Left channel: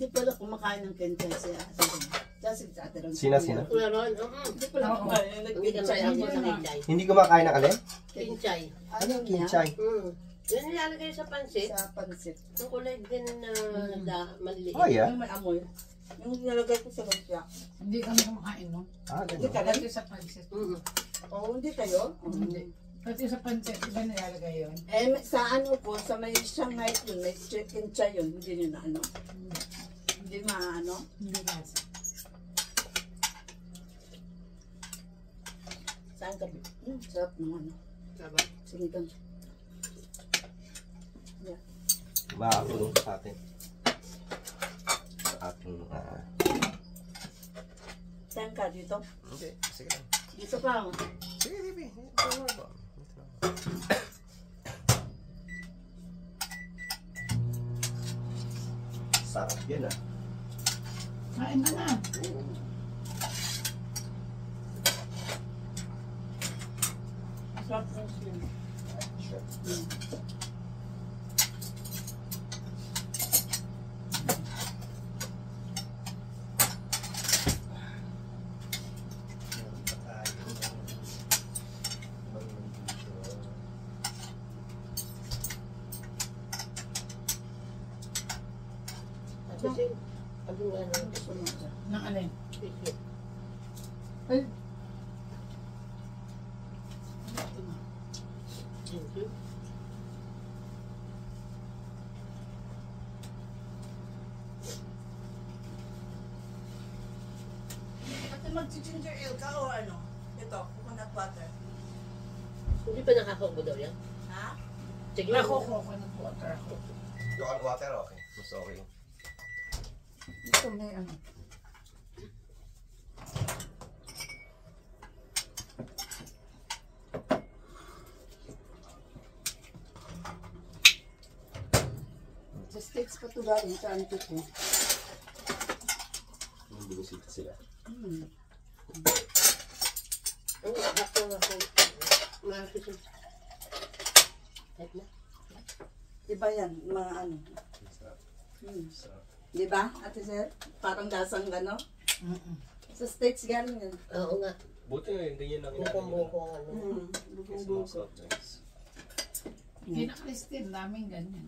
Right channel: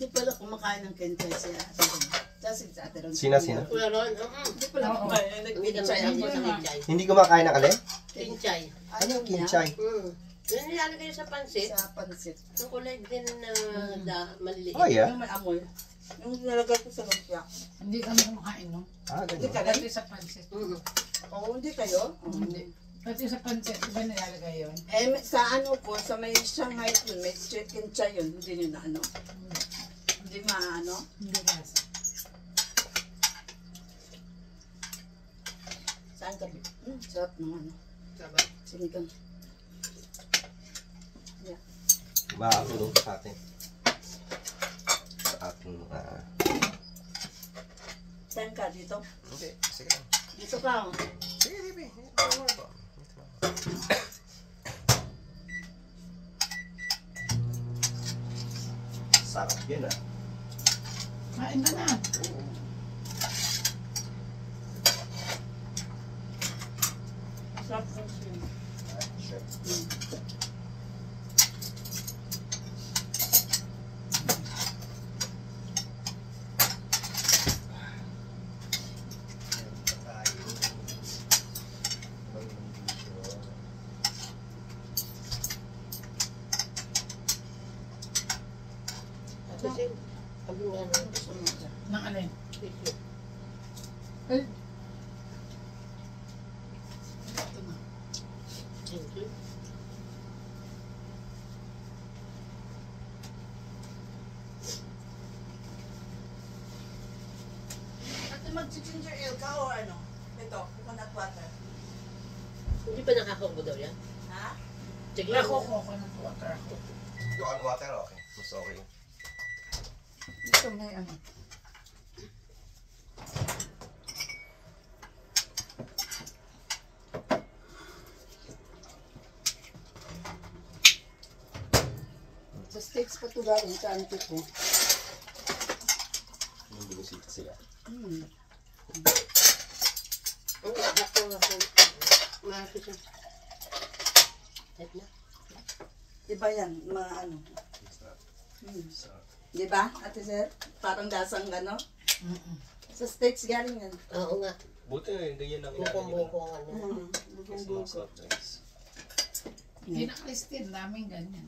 Hindi pala kumakain ng kinchay siya. Kasi sa atin. Sina? Hindi pala kumakain. Nag-kinchay ako sa kinchay. Hindi kumakain ng alin? Kinchay. Ano yung kinchay? Yun nilalagay sa pansit. Sa pansit. Yung kulay din na maliliit. Oh, yeah. Yung may amoy. Yung nilagay ko sa lumpia. Hindi kami kumakain, no? Ah, Hindi ganun. ka rin? Pati sa pansit. Oo, hindi kayo? Hindi. Pati sa pansit, di ba nilalagay yun? Sa ano po, sa may Shanghai yun, may chicken chai yun. Hindi nyo na ano. Hindi maano. Hindi lasa. Saan ka? Sarap ng ano. Sarap. Sinigang. Makakatulong sa atin. Sa ating, Saan ka? Dito? Hindi, sige lang. Dito ka. Sige, baby. Don't worry about it. Sarap yan, ah. Kain ka na. Sarap ng shrimp. Kasi, sabi nga nung Nang alin? Ay, Thank you. ate mag-ginger ale ka o ano? Ito, coconut water. Hindi pa nakakaubo daw yan? Ha? Sige. Ako, coconut water ako. Yung water, okay. Mas okay. Ito may ano. Sa steaks pa ito galing sa auntie ko. Yung binisita sila. Ang ako. Mahapit siya. Type na. Diba yan? Mga ano. Diba, ate sir? Parang dasang ano. Sa steaks galing yan. Oo nga. Buti nga, ganyan ang Bukong-bukong ano. Buko-buko. Hindi na Christine, daming ganyan.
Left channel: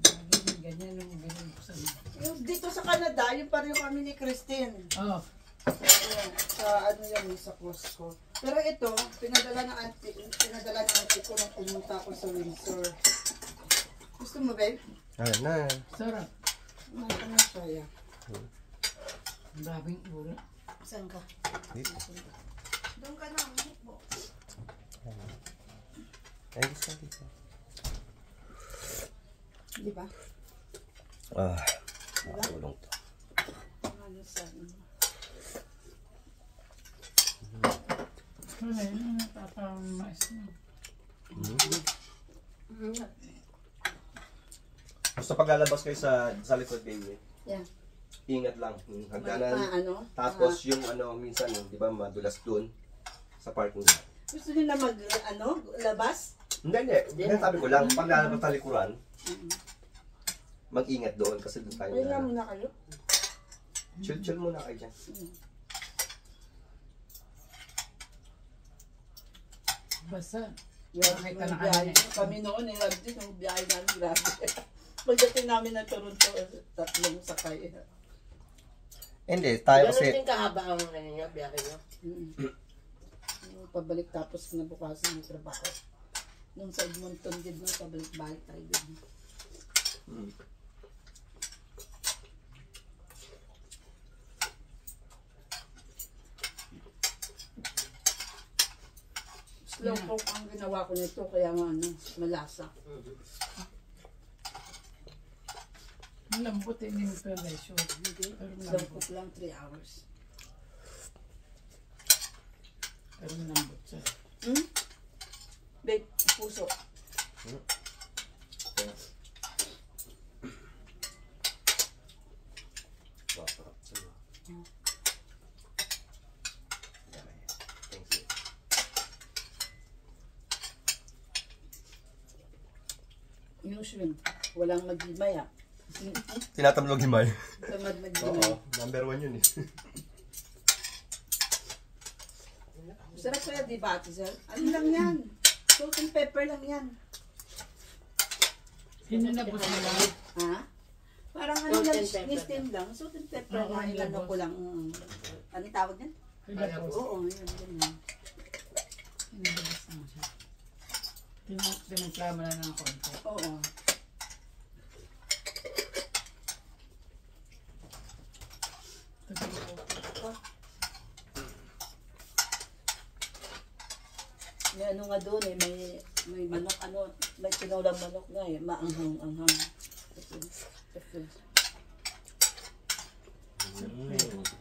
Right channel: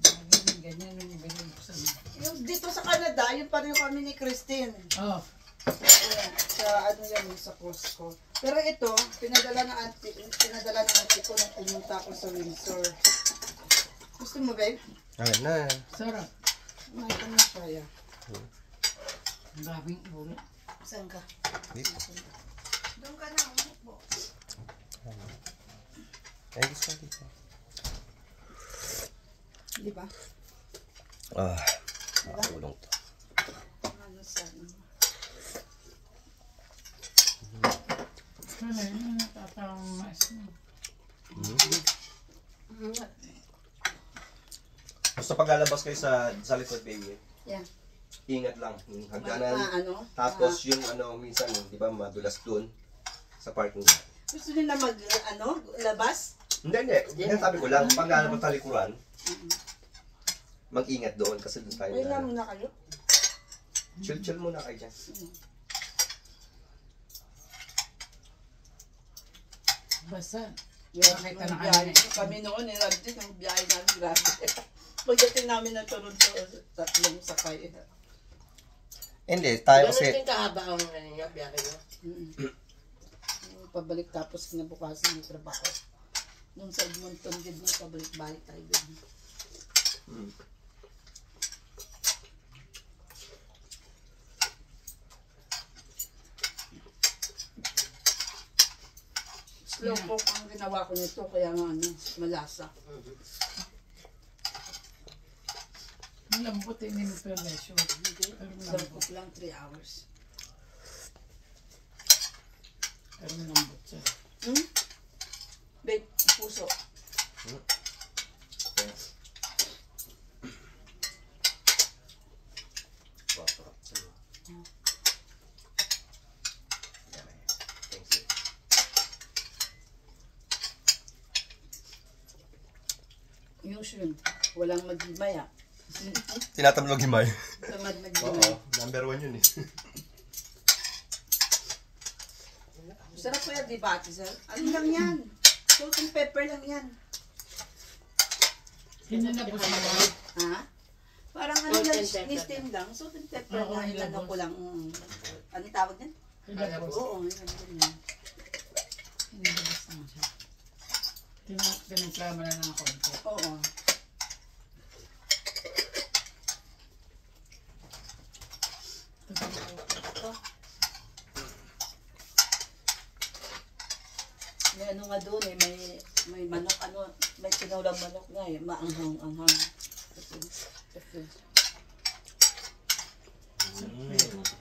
Ganyan yung bilhin ko sa mga. Yung dito sa Canada, yun pa rin kami ni Christine. Oh, Sa ano yan, sa Costco. Pero ito, pinadala ng auntie ko nung pumunta ako sa Windsor. Gusto mo, babe? Ayun na. sarap. May ano siya, ya. Ang daming ulo. Saan ka? Dito. Doon ka na, umupo. Ay, gusto dito. Di ba? Ah, makatulong to. Ano sa ano? Ano yun, tatamaas na. Basta pag lalabas kayo sa likod, baby, Yan. ingat lang. Yung May hagdanan. ano? Tapos yung ano, minsan, di ba, madulas dun sa parking lot. Gusto nyo na mag, ano, labas? Hindi. Yan sabi ko lang, pag lalabas sa likuran, mag-ingat doon kasi doon tayo Ay nga na. muna kayo. Chill muna kayo dyan. Basta, Yung Nakita na biyahe. kami. Kami noon, din yung biyahe namin, grabe. Pagdating namin ng Toronto, 3 sakay. Hindi, tayo Ganun kasi, din kahaba ang ano niya, biyahe niyo. Pabalik tapos kinabukasan ng trabaho. Nung sa Edmonton, din mo, pabalik-balik tayo din. Slow cook ang ginawa ko nito, kaya nga ano, malasa. ang lambot din yung permission. Slow cook lang 3 hours. Pero lambot siya. Babe, puso. Yung shrimp, walang magimaya. Tinatamlog himay. Tamad na Oo, gulay. number 1 yun eh. Sarap ko yan, di ba, Ate Sel? Ano lang yan? Salt and pepper lang yan. Hinanabos mo lang. Ha? Parang ano Salt lang, and pepper ni-steam lang. Salt and pepper Oo, lang. Ano ilabos. ko lang. Ano tawag yan? Hinanabos. Oo, yun. Ganyan. Hinanabos na siya. Piniplama na ng konti. Oo. May ano nga doon eh, may manok, ano, may tinulang manok nga eh, maanghang-anghang. Kasi,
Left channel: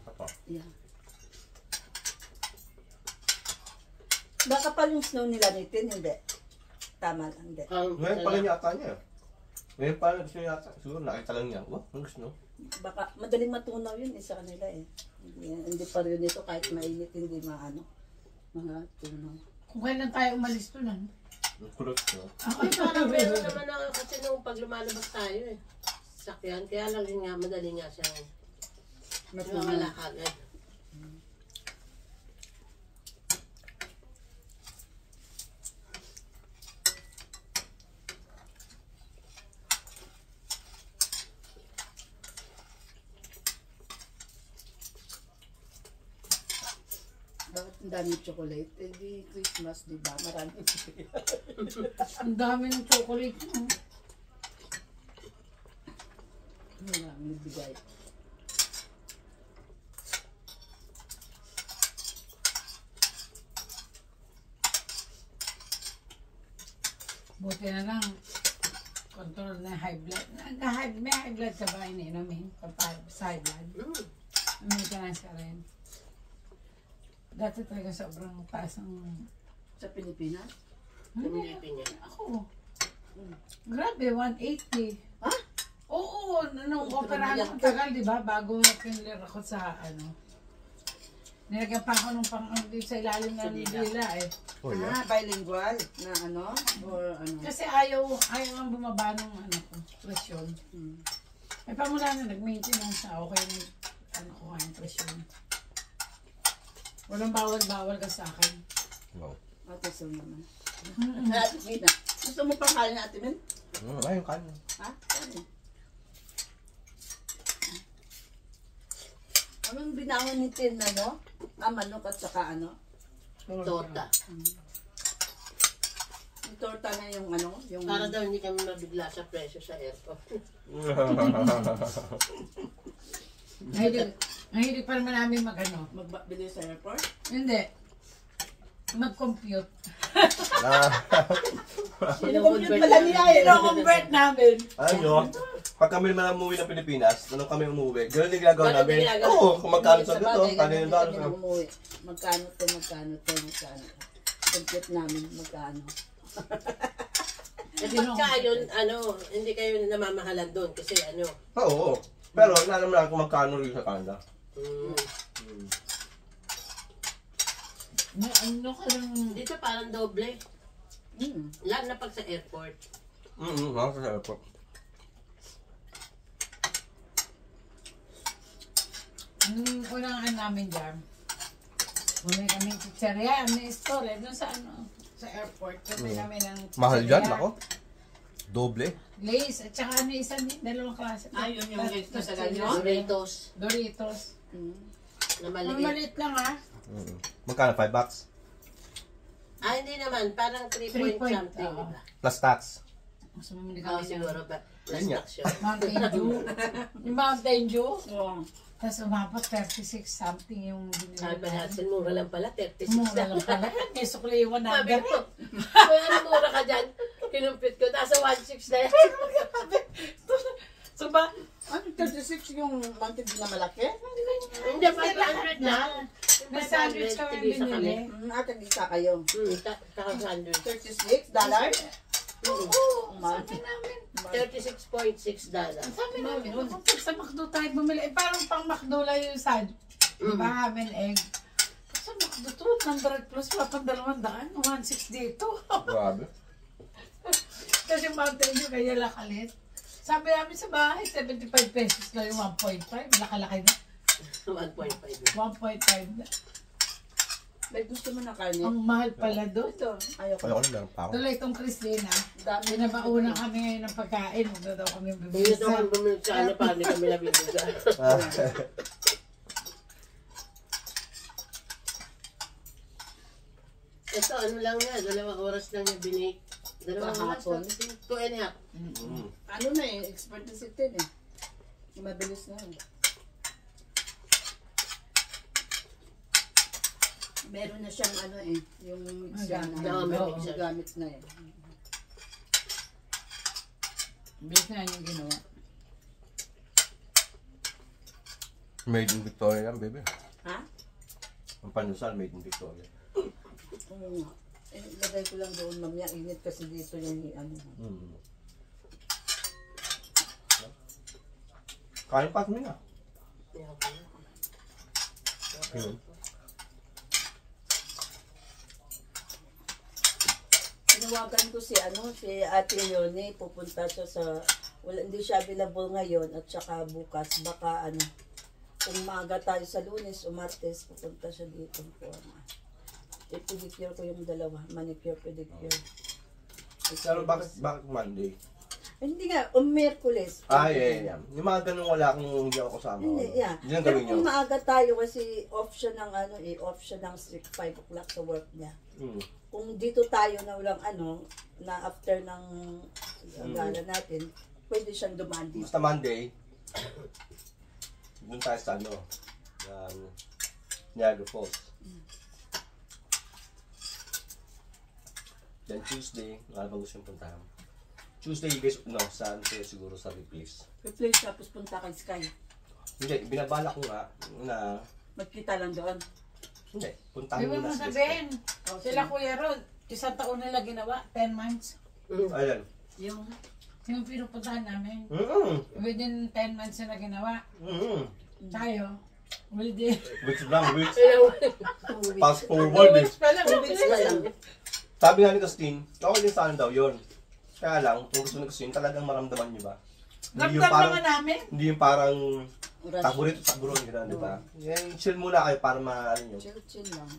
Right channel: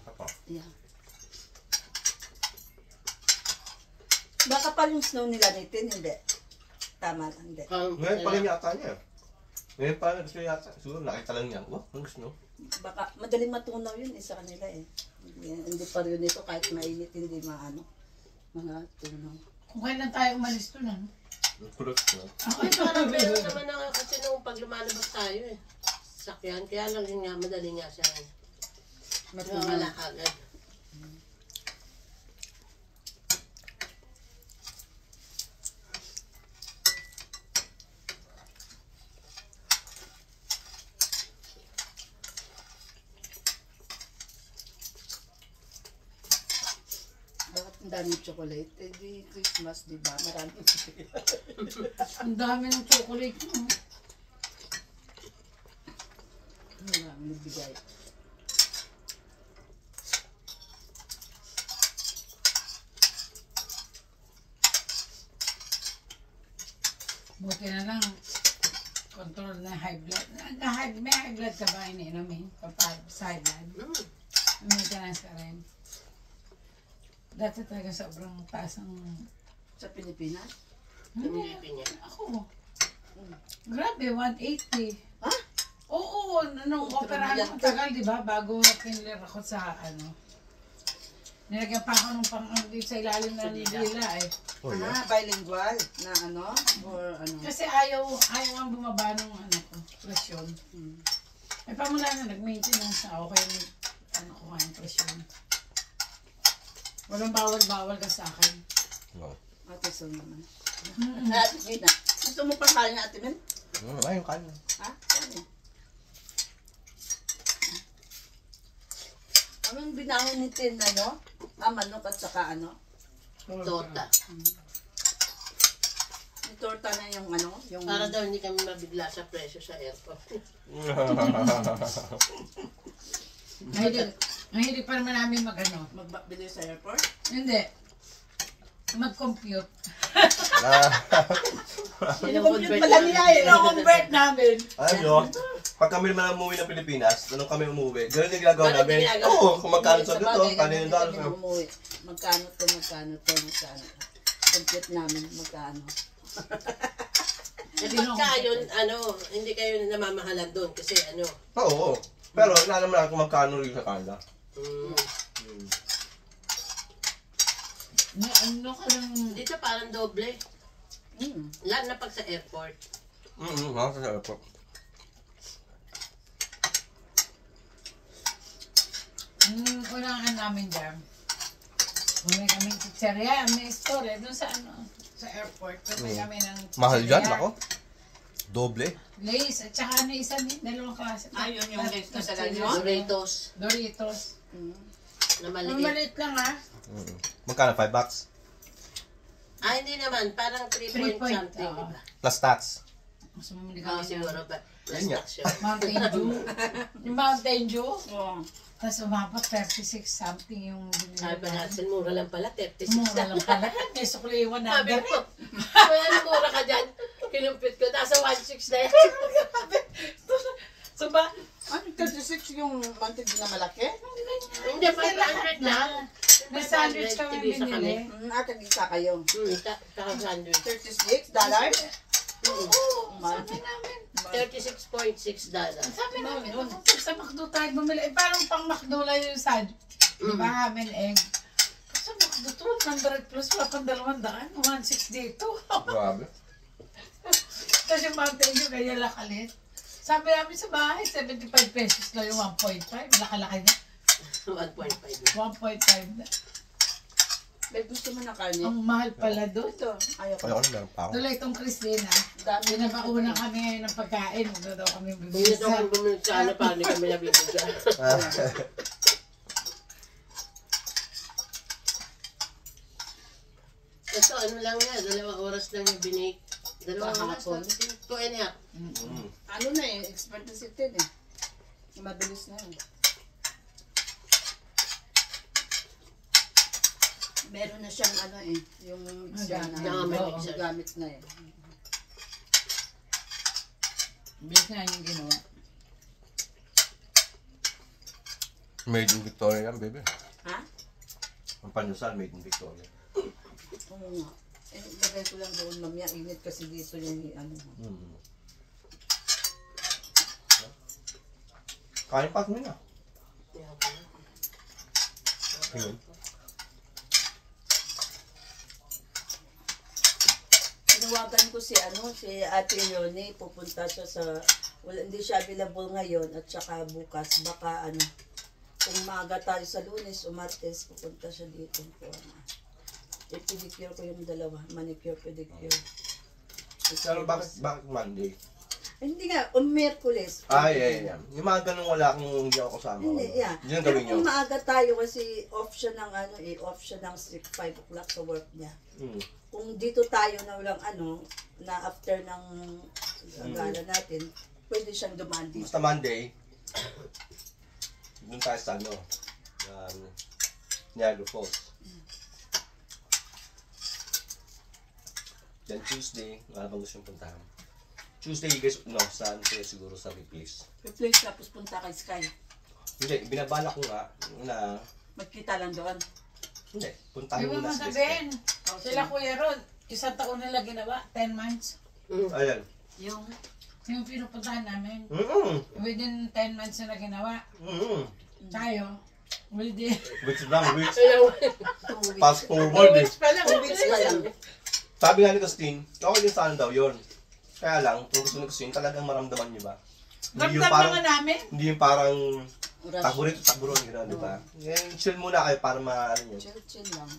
Apa? yeah. Baka pa yung snow nila nitin, hindi. Tama lang, hindi. Ngayon pa rin yata niya. Ngayon pa rin siya yata. Siguro nakita lang niya. Wah, ang gusto. Baka madaling matunaw yun eh, sa kanila eh. Hindi pa rin ito kahit mainit, hindi maano. Mga tunaw. Kung kailan tayo umalis to na. Kulot. Ay, parang meron naman na kasi nung pag lumalabas tayo eh. Sakyan, kaya lang yun nga, madali nga siya. Wala agad. Bakit ang daming chocolate? Eh di Christmas, di ba? Maraming Ang dami ng chocolate mo. maraming bigay. Buti na lang. Control na high blood. May high blood ka ba iniinumin? Side blood? Maintenance ka rin. Dati talaga sobrang taas ang... Sa Pilipinas? Pinilipin niya. Ako. Grabe, 180. Ha? Oo, nung operahan ko tagal, di ba? Bago pinler ako sa ano. Nilagyan pa ako nung dito sa ilalim ng dila eh. Oh, yeah. Bilingual na ano? Or ano? Kasi ayaw ang bumaba ng ano ko, presyon. Eh pamula na nag-maintenance na ako kaya ano ko nga yung presyon. Walang bawal-bawal ka sa akin. No. Ate Sol naman. Ate Mina, gusto mo pa kaya niya Ate Min? Ayun, kanya. Ha? Ano? Anong binangon ni Tin, ano? Manok at saka ano? Tota. Yung torta na yung ano? Yung... Para daw hindi kami mabigla sa presyo sa airport. Mahilig pa naman namin mag-ano. Magbili sa airport? Hindi. Mag-compute. Sino-convert pala niya eh. Ino-convert namin. Ano? Pag kami man umuwi ng Pilipinas, nung kami umuwi, ganun yung ginagawa Ganun namin. yung ginagawa. Oo, kung magkano sa Sa dito, bagay, kano yung ganun doon. kami umuwi. Magkano to. Compute namin magkano. Eh pagka yun, ano, hindi kayo namamahalan doon kasi ano. Oo. Pero alam mo lang kung magkano rin sa Canada. Ano ka lang... Dito parang doble. Mm. Lalo na pag sa airport. Mga sa airport. Ang unang namin dyan, bumili kami ng pizzeria, may store doon sa ano, sa airport. Bumili kami ng Mahal dyan, pizzeria. ako. Doble. Lace, at saka ano isa din, dalawang klase. Yun yung Lace na talaga Doritos. yun? Doritos Doritos. na Ang maliit. maliit lang ah. Magkano? $5? Hindi naman. Parang 3 3 point point, something, oo. diba? Plus tax. Mas bumili Oo, kami ng siguro ba? Yun nga. Plus tax yun. Mountain Dew. Yung Mountain Dew. Oo. Tapos umabot 36 something yung binili Sabi pa namin. natin, mura lang pala. 36 Mura lang pala. May sukli 100. Sabi ko, kaya mura ka dyan. Kinumpit ko. Nasa 1.6 na yan. So ba? Ano, 36 yung mantig na malaki? Hindi, 500 lang. May sandwich kami tigisa binili. Akin isa kayo. Saka sandwich. $36? Sabi namin. $36.6. Sabi namin, huwag mo sa McDo tayo bumili. Eh, parang pang McDo lang yung sandwich. Di ba, ham and egg? Sa McDo to, 100 plus, pang 200. 1.6 dito. Grabe. Tapos yung Mountain Dew, kaya lakalit. Sabi namin sa bahay, 75 pesos lang yung 1.5. Laki-laki na. 1.5. 1.5 na. May gusto mo na kanin? Ang mahal pala doon. Ito, ayoko. Ayoko na, meron pa ako. Tuloy itong Christina. Dami na Pinabauna kami ngayon ng pagkain. Ito daw kami Hindi bibisa. daw kung bumili sa ano pa, hindi kami nabibigyan. Ito, ano lang yan, 2 oras lang yung binake. 2 oras Kahapon. lang. 2.5. Ano na eh, expert na si Tin eh. Mabilis na yun. Meron na siyang ano eh, yung mixer na. may Oo, mixer. gamit na eh. Bilis na yung ginawa. Made in Victoria yan, baby. Ha? Ang panyusal, made in Victoria. Oo nga. Eh, lagay ko lang doon mamaya. Init kasi dito yung ano. Kain pa kami na. Ayun. Tinawagan ko si Ate Leonie, pupunta siya sa hindi siya available ngayon at saka bukas baka kung maaga tayo sa Lunes o Martes pupunta siya dito po. I-pedicure ko yung dalawa, manicure, pedicure. Pero bakit Monday? Hindi nga, Miyerkules. Yeah. Yung mga ganun wala akong hindi ako kasama. Hindi, yeah. Yun ang Pero gawin nyo. kung maaga tayo kasi off siya ng off siya ng 5 o'clock sa work niya. Kung dito tayo na walang na after ng gala natin, pwede siyang dumaan dito. Basta Monday, doon tayo sa Niagara Falls. Then Tuesday, wala bang gusto yung puntahan? Tuesday, guys, saan kayo siguro sa replace? Replace tapos punta kay Sky. Hindi, binabala ko nga na, Magkita lang doon. hindi, puntahan Di mo ba na sa masabihin? Sila Kuya Rod, 1 taon nila ginawa, 10 months. Ayan. Yung Yung pinupuntahan namin, Mm-mm. within 10 months nila ginawa. Mm-mm. Tayo, within Weeks lang, weeks. 2 weeks. Fast forward eh. Pa lang. 2 weeks pa lang. Sabi nga ni Christine, okay din sana daw yun. Kaya lang, kung gusto ni Christine, talagang maramdaman niyo ba? Hindi yung Ramdam parang, naman namin. hindi yung parang Rush. takburon, gano'n, di ba? Yan, chill muna kayo para maano nyo. Chill lang.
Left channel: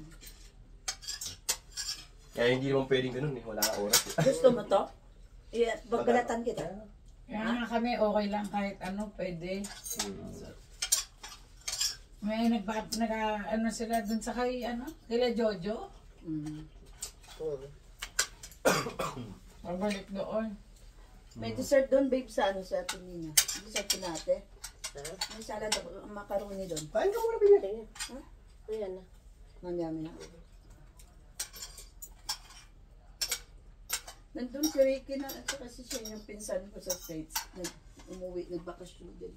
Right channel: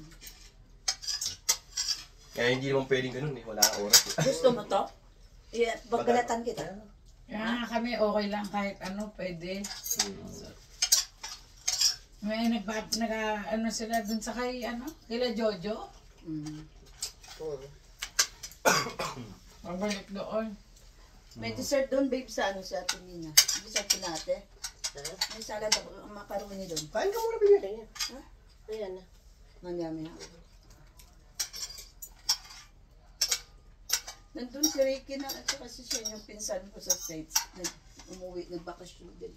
Kaya hindi naman pwedeng ganun eh, wala kang oras eh. Gusto mo to? Yeah, pagkalatan kita. Kaya nga kami okay lang kahit pwede. May ano sila dun sa kila Jojo. Pabalik doon. May dessert doon, babe, sa sa atin Nina. Dessert ko natin. May salad ako, macaroni doon. Kain ka muna, baby. Ayan na. Mandami na. Nandun si Ricky na, at kasi siya yung pinsan ko sa States. Umuwi, nagbakasyon din.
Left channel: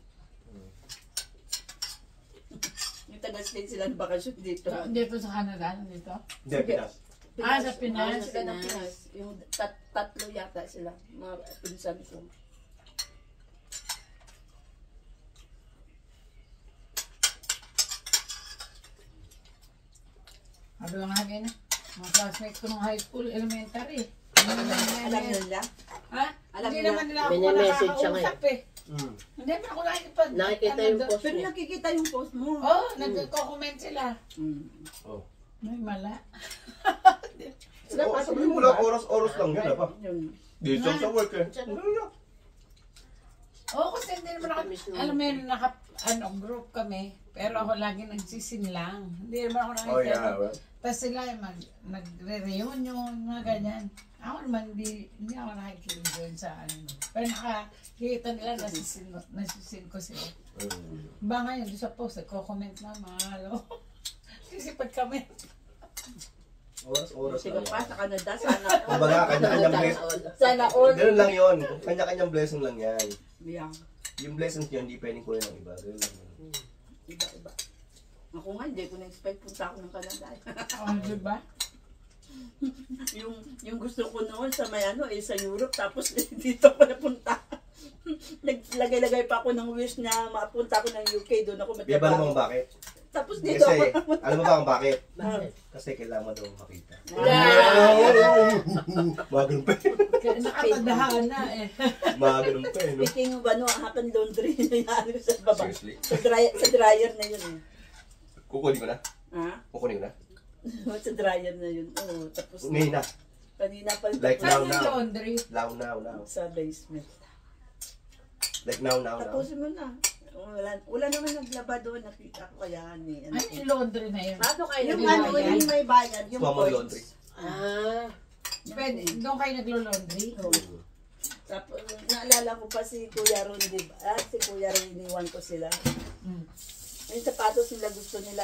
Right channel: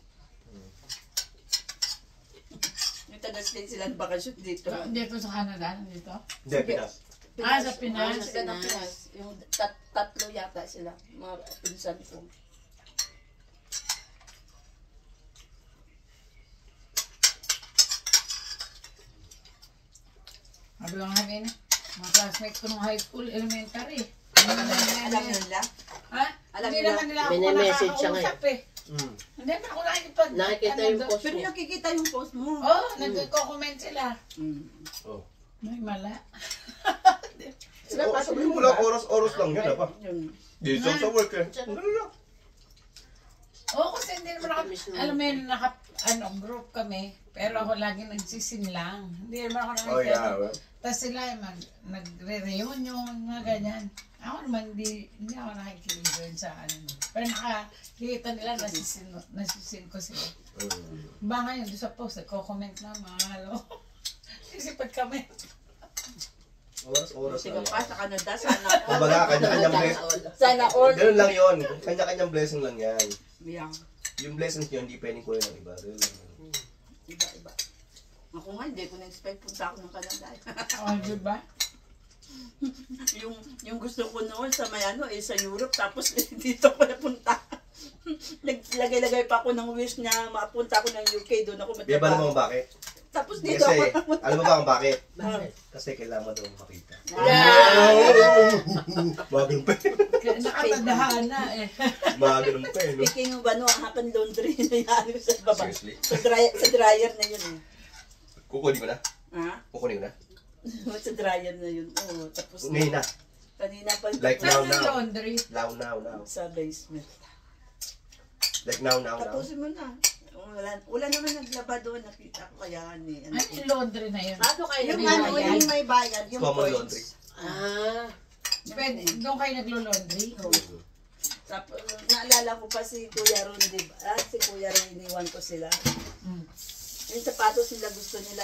Yung taga-States sila nagbakasyon dito. Dito sa Canada, dito. Hindi, Pinas. Sa Pinas. Sila ng Pinas. Yung tatlo yata sila, mga pinsan ko. Sabi lang namin, mga classmates ko nung high school, elementary. Alam nila? Ha? Alam Hindi nila? naman nila ako Message siya nakakausap eh. Hindi naman ako nakikipag... Nakikita yung post Pero niya. nakikita yung post mo. Oo, nagko-comment sila. Oh. May mala. Oh, sabihin mo lang, oras lang yan, apa? Yun. Dito sa work eh. Ano lang? Oo, kasi hindi naman ako, alam mo yun, group kami. Pero ako lagi nagsisin lang. Hindi naman ako Oh, yeah. nakikita. Well. Tapos sila nagre-reunion, mga ganyan. Ako naman, hindi ako nakikinig sa Pero nakikita nila, nasisin ko sila. Ba ngayon, doon sa post, nagko-comment na, mga Kasi pag-comment. Oras Sige lang pa, yan. sa Canada, sana. Kumbaga, kanya-kanyang blessing. Sana all. Ganun lang yun. Kanya-kanyang blessing lang yan. Yeah. Yung blessings yun, hindi pwedeng kunin ng iba. Ganun lang. Iba. Ako nga, hindi ko na-expect punta ako ng Canada. Oh, diba? yung gusto ko noon sa sa Europe, tapos dito ko napunta. Naglagay-lagay pa ako ng wish na mapunta ako ng UK, doon ako Di ba naman matrabaho. bakit? Tapos dito Kasi, ako napunta. alam mo ba kung bakit? Bakit? Kasi kailangan mo daw makita. Yeah. Mga ganun pa. Nakatadahan na eh. Mga ganun pa eh, no? Speaking of ano, happen laundry na yan sa baba. Seriously. Sa dryer na yun eh. Kukunin ko na. Ha? Kukunin ko na. Sa dryer na yun. Oo, tapos Ngayon na. kanina pa Like Saan now, yung now. laundry? Now, now, now. sa basement. Like now, now, now. Tapusin mo na. Wala naman naglaba doon, nakita ko kaya ni ano. Ano yung laundry na yun? Paano kayo Yung nagbabayad? ano, yung may bayad, yung Common points. laundry. Ah, Pwede, doon kayo naglo-laundry? Oo. Tapos, naalala ko pa si Kuya Ron, di ba? Si Kuya Ron, iniwan ko sila. Mm. Yung sapatos nila gusto nila